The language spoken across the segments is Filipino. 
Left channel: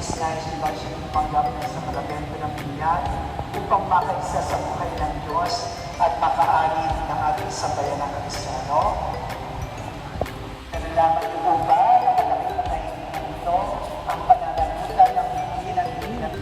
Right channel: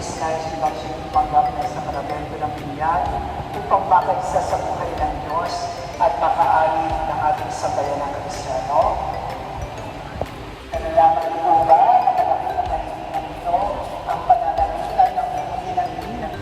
is nais nila siya ipanggap na sa karamento ng binyan upang makaisa sa buhay ng Diyos at makaanib ng ating sambayan ng Kristyano. Nalaman niyo po ba na malaki na kaibigan ito ang pananalitan ng buhay ng binyan?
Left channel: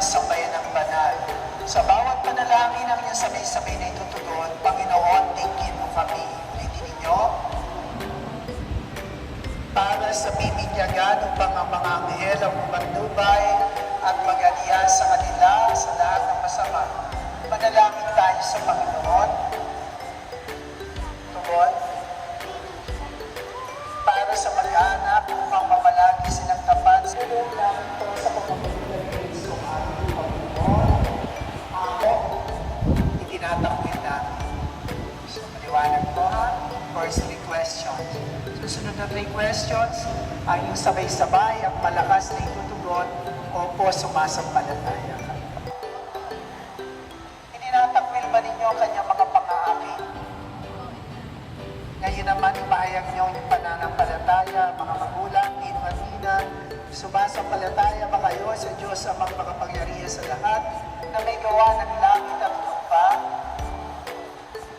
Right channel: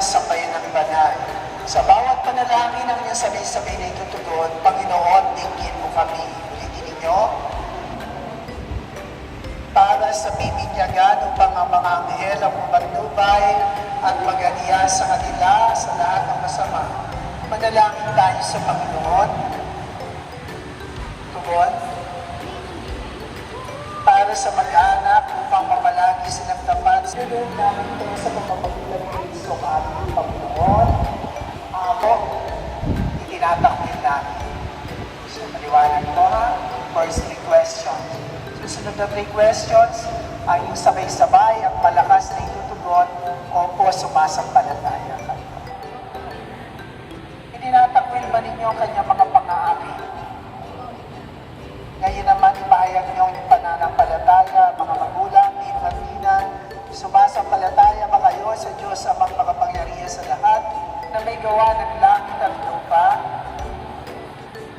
Sambayan ng banal. Sa bawat panalangin ang iyong sabay-sabay na itutugon, Panginoon, dinggin mo kami. Ulitin ninyo. Para sa bibinyagan upang ang mga anghel ang umandubay at mag-aniya sa kanila sa lahat ng masama. Manalangin tayo sa Panginoon. Tugon. Para sa mag-anak upang mamalagi silang tapat sa loob namin ito sa pagpapagulan ng Kristo ating Panginoon. Amen. Itinatakbil namin. So, maliwanag po ha. First 3 questions. Susunod na 3 questions ay yung sabay-sabay at malakas na itutugon o po sumasampalataya ka. Itinatakbil ba ninyo ang kanyang mga pang-aari? Ngayon naman, ipahayag niyo yung pananampalataya, mga magulang, tino at ninang, sumasampalataya ba kayo sa Diyos amang makapangyarihan sa lahat na may gawa ng langit at lupa?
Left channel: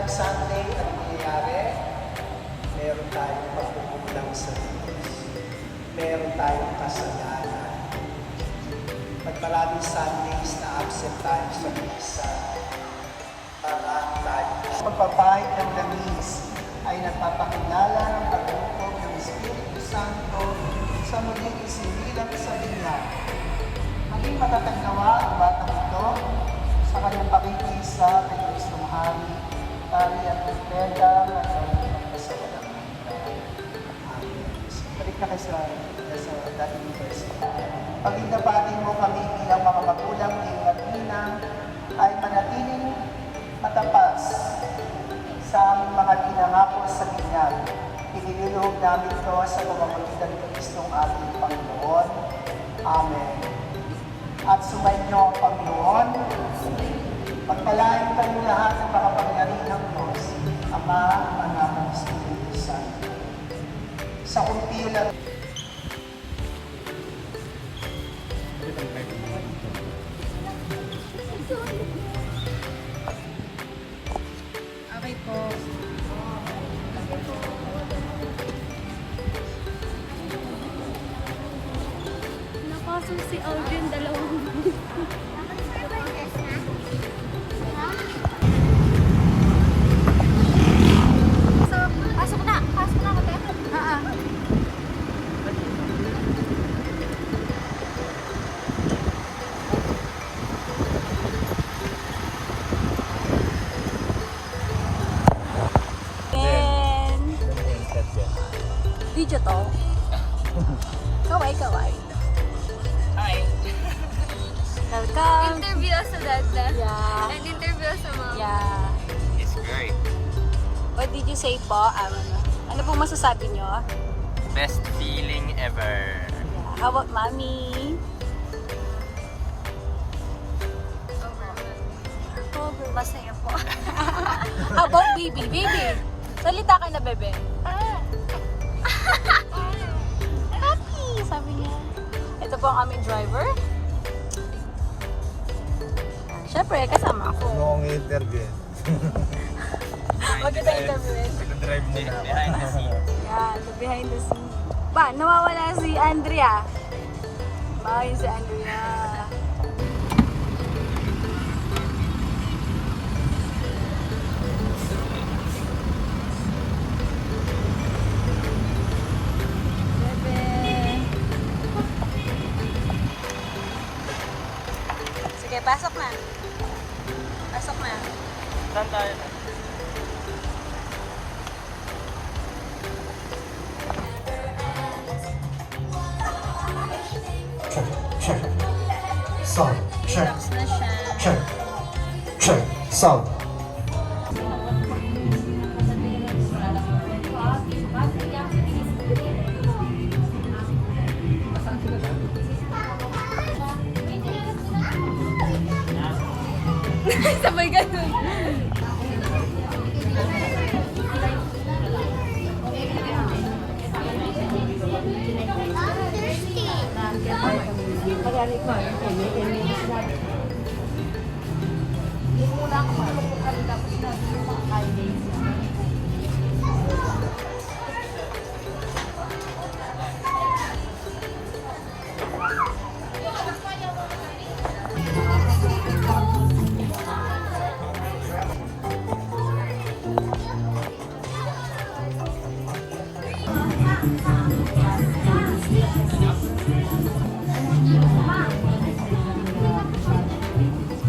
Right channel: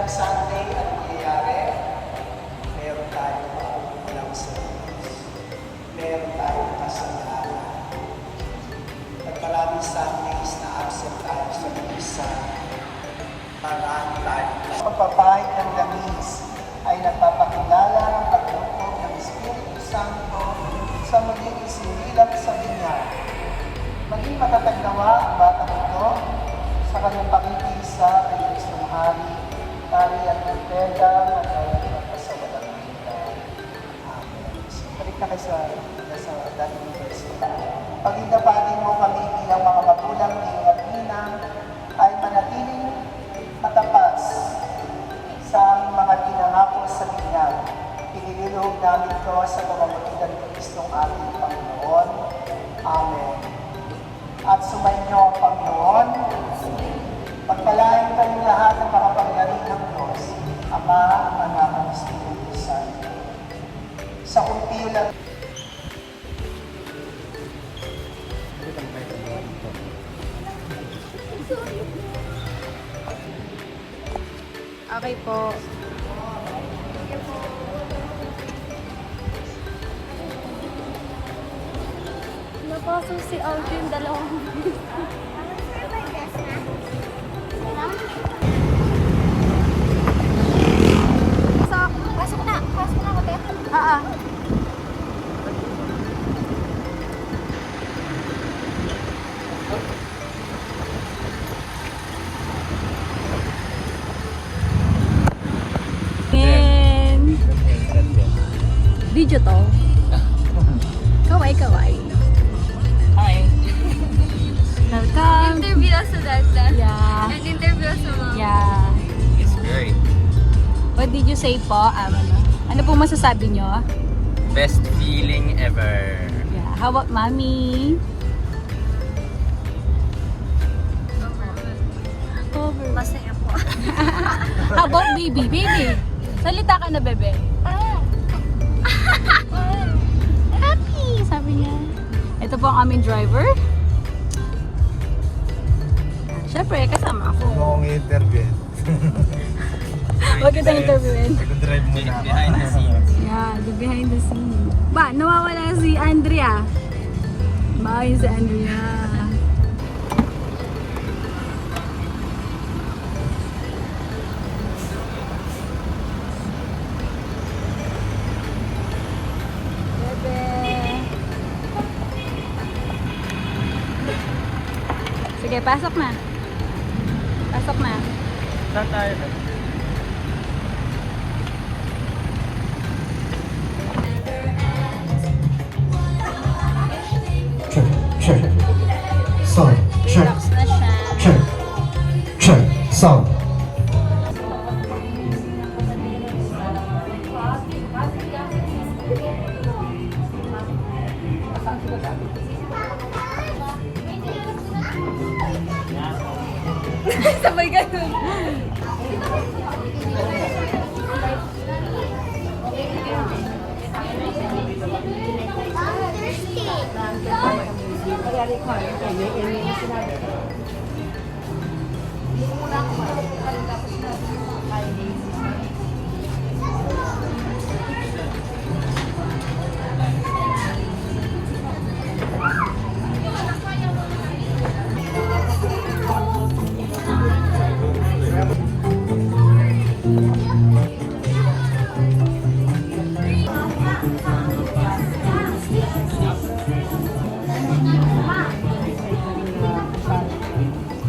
Sa atin, ang nangyayari, meron tayong makukulang sa Diyos. Meron tayong kasalanan. At maraming Sundays na absent tayo sa misa. Marami tayo. Pagpapahid ng langis ay nagpapakilala ng paglukob ng Espiritu Santo sa muling isinilang sa binyan. Maging matatag nawa ang batang ito sa kanyang pakikisa kay Kristong Hari, Pari at Pagpeda at magpasawalang hanggan. Amen. So, balik na kayo sa dating verse. Pag-inapatin mo kami bilang mga magulang, tino at ninang, ay manatiling matapas sa aming mga tinangako sa binyan. Inililoob namin ito sa pamamagitan ng Kristong ating Panginoon. Amen. At sumainyo ang Panginoon. Pagpalain kayo lahat ng mga pangyarihang Diyos, Ama, Anak, at Espiritu Santo. Sa kumpilan, okay po. Napasok si Alvin, dalawang pasok na hotel? Video to. Kaway. Hi. Welcome. Interview us sa data. Yeah. And interview us sa mga. Yeah. It's great. What did you say po? Ano po masasabi nyo? Best feeling ever. Yeah. How about mommy? Masaya po. How about baby? Baby, salita ka na, bebe. Happy, sabi niya. Ito po ang aming driver. Siyempre, kasama ako. May interview. Huwag kita interviewin. Nag-drive behind the scenes. Yeah, the behind the scene. Ba, nawawala si Andrea. Bye si Andrea. Sige, pasok na. Pasok na. Saan tayo ba? Sound. Sabay ganun.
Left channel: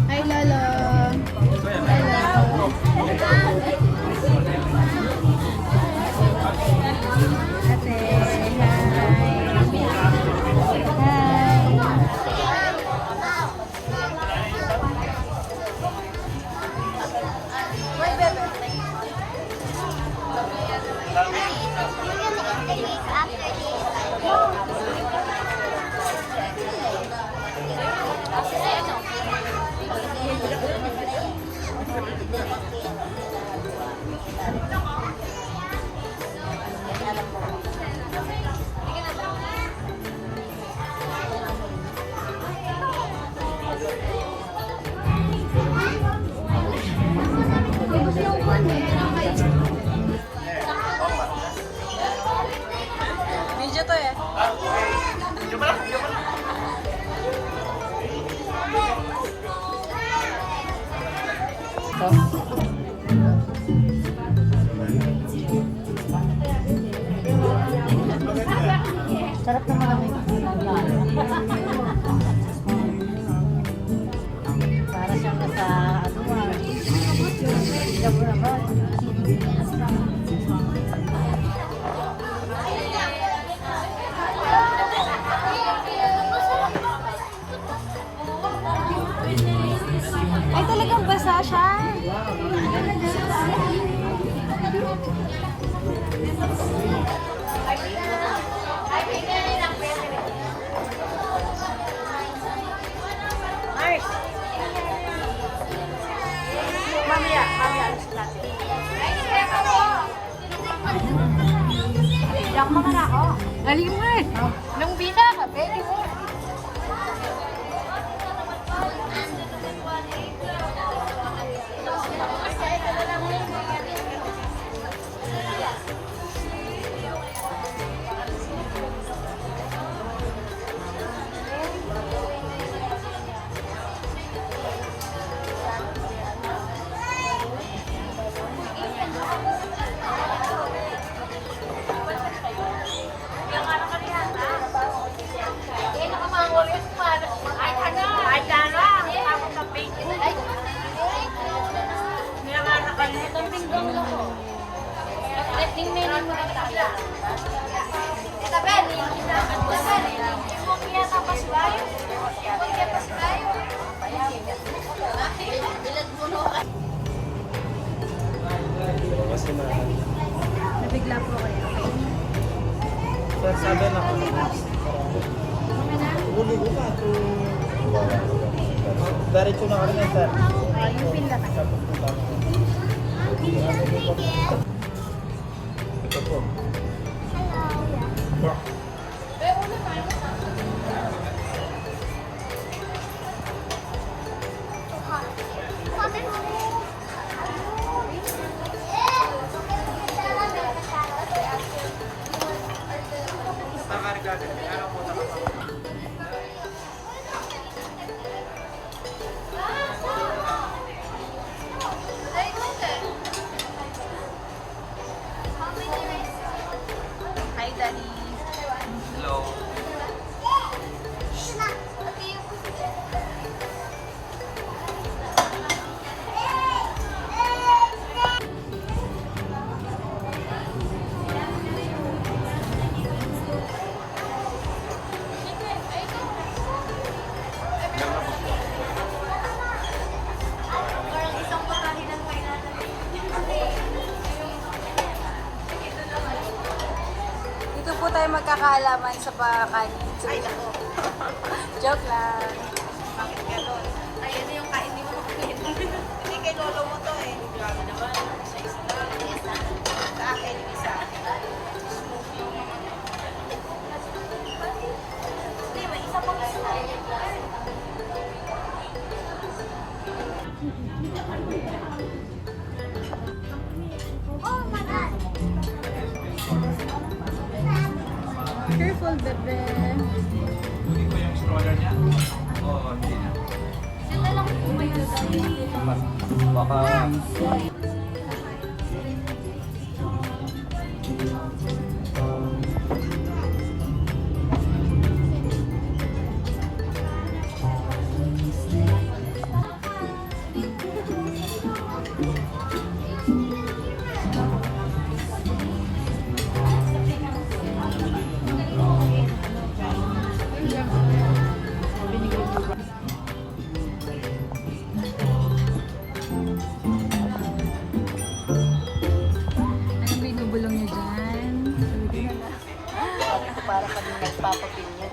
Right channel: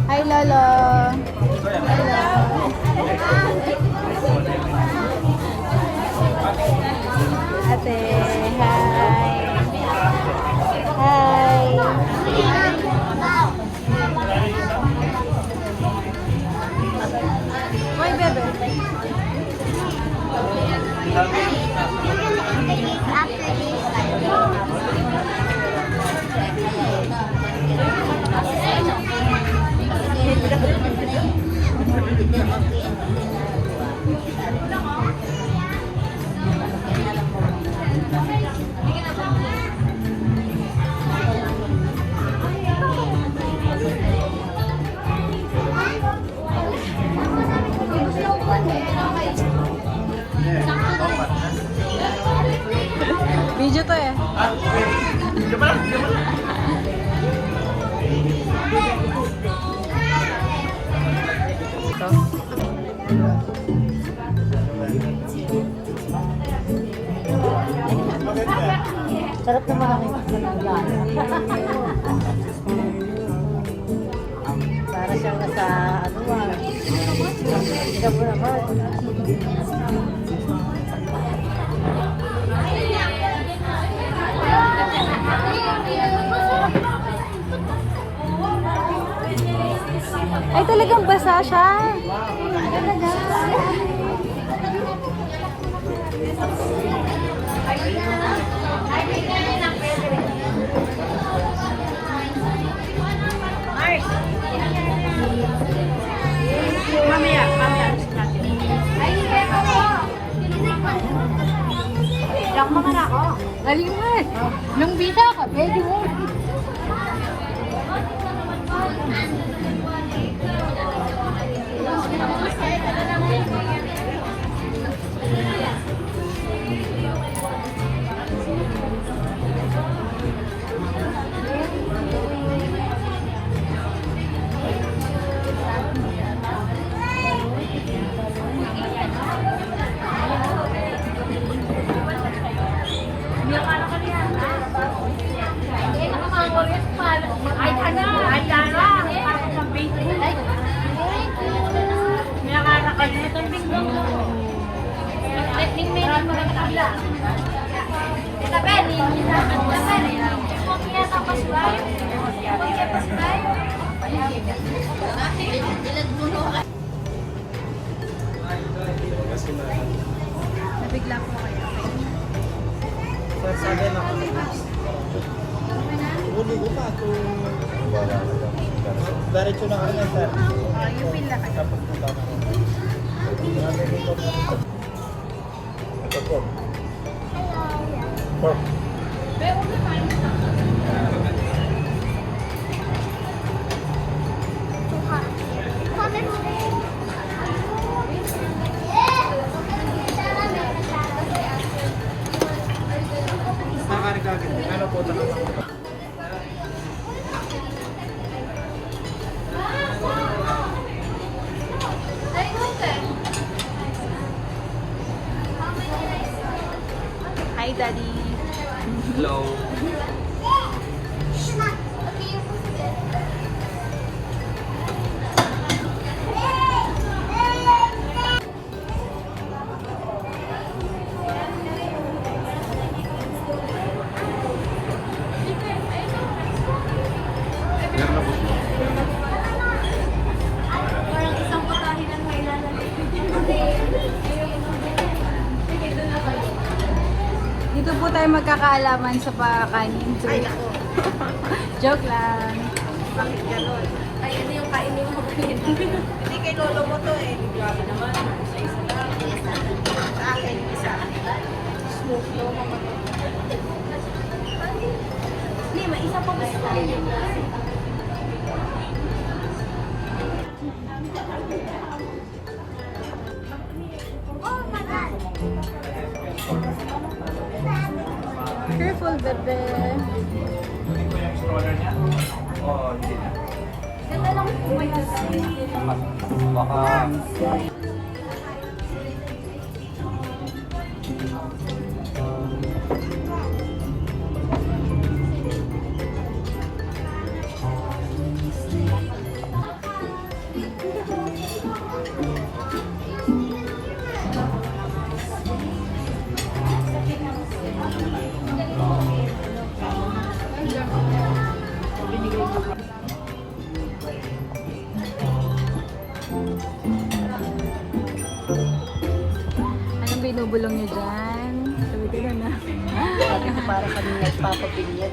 Hi, Lolo. Ate, hi. Hi. Hi, bebe. Video to eh. Sarap naman ang yan. Para siyang nasa ano ah. Ikaw mo naman. Ay, talagang basa siya. Galing mo eh. Yung bika ka, pwede mo. Nabigla po kayo. Sir, sabi na ako. Huli ko pa ito. Diretso na ka rin eh, sir. Yung pin na kayo. Tapos na tama ko. Ito po. Pork. Ano po ito? Hi, Daddy. Hello. po tayo magkakaalaman sa pakanin. Joke lang. Ay, ano yung kainin mo? Hindi kay lolo mo to eh. Grabe naman. Sa akin, isa. Smoke mo ka to. Hindi, may isa pa ba sa Careful, bebe. Kunin ko yung stroller niya. Oo, hindi na. Sila lang po ba yun? Baka... Anong binubulong niyo dyan? Sabi ko na. Para kami nagpapapinyat.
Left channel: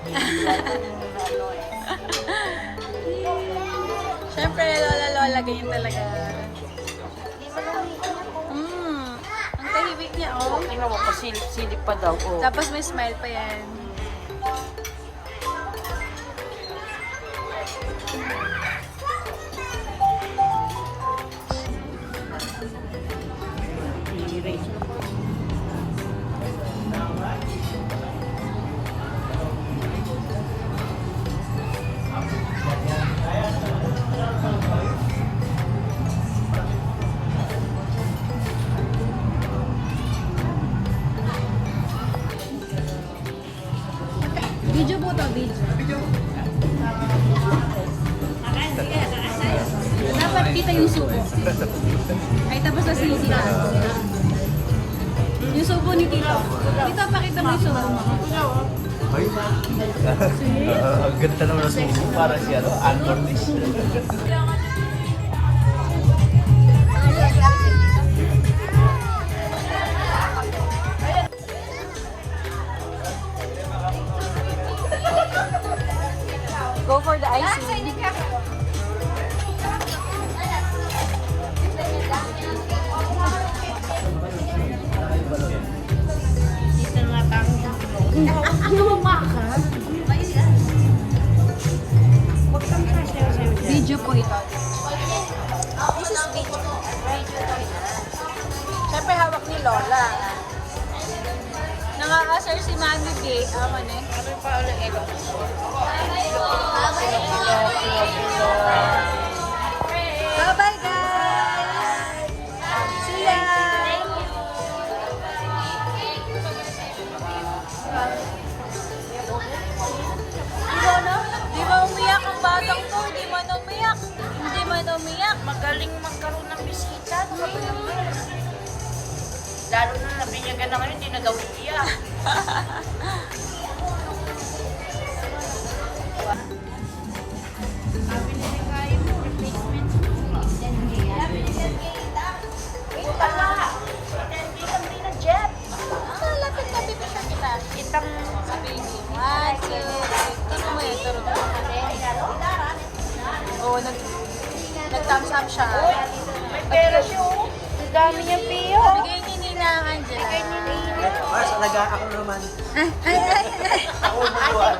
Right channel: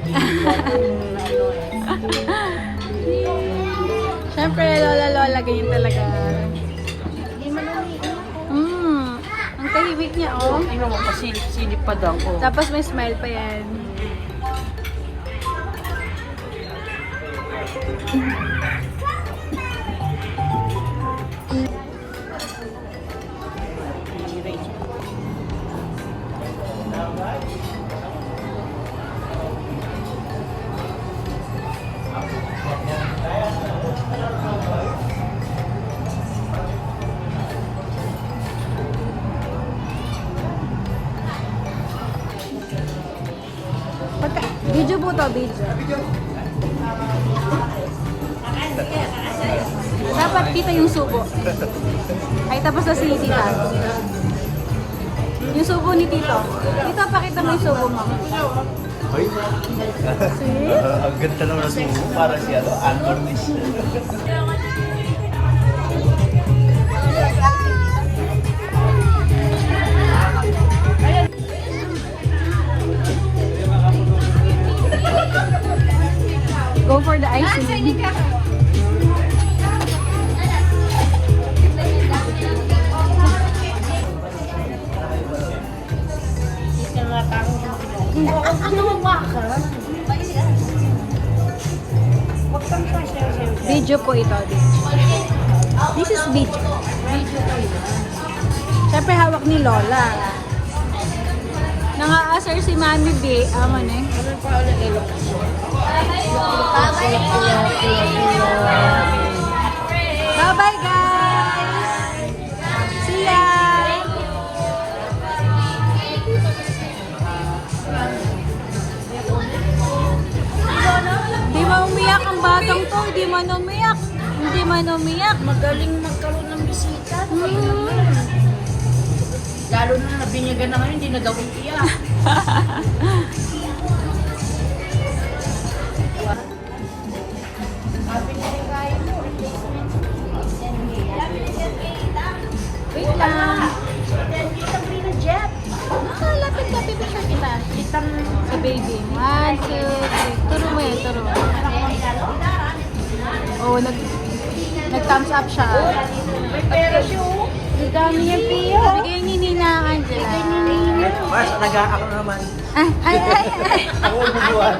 Siyempre, lola-lola, ganyan talaga. Ang tahimik niya, oh. Ano, kasilip-silip pa daw. Oh. Tapos may smile pa yan. Video po to, video. Dapat kita yung subo. Ay, tapos na si Tita. Yung subo ni Tito. Tito, pakita mo yung subo mo. Ang ganda naman ng sumo. Para siya, unburnished. Go for the icing. Dito nga tao. Ano ba ka? Huwag kang kasya. Video po ito. This is video. Siyempre hawak ni Lola. Nang-aasar si Mami B. Aman eh. Ano pa ang ilok? Bye-bye guys! See ya! Di ba umiyak ang batang to? Di man umiyak. Hindi man umiyak. Magaling magkaroon ng bisita. Lalo na nabinyagan na ngayon, hindi na daw iiyak. Sabi niya rin kaya mo, replacement. Wait lang. Hindi ka rin ng jet. Nakalapit ka, baby shark kita. Itang A baby. 1, 2, 3. Turo mo yan, turo. Oh, nag-thumbs up siya. pera siya, oh. Ang dami niyang piya. Bigay ni Ninangan sila. Kaya ninina. Ay. Ako magbubuhan.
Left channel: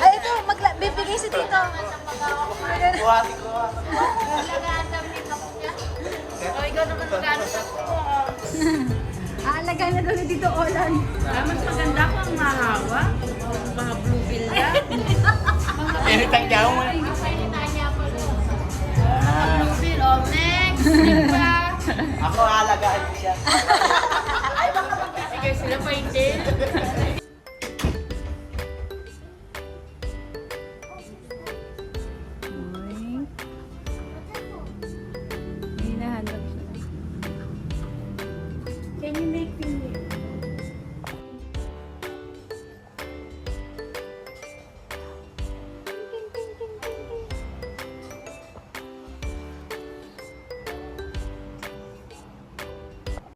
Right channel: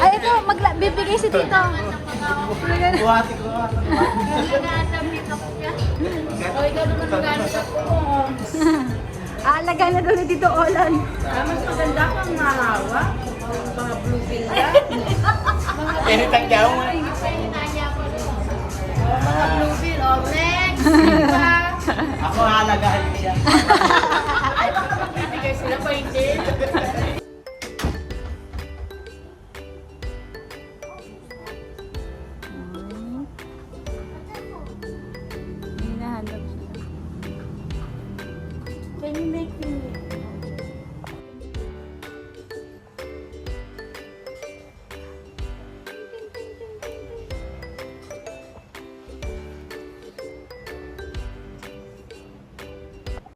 Ay, ito, bibigay si Tito. Buhati ko nga. O, ikaw naman magano sa kumo. Aalaga na doon ni Tito Olan. Mas maganda kang mahawa. Mga blue bill yan. Pero tagyaw mo. Mga blue bill, oh, next. Ako halagaan siya.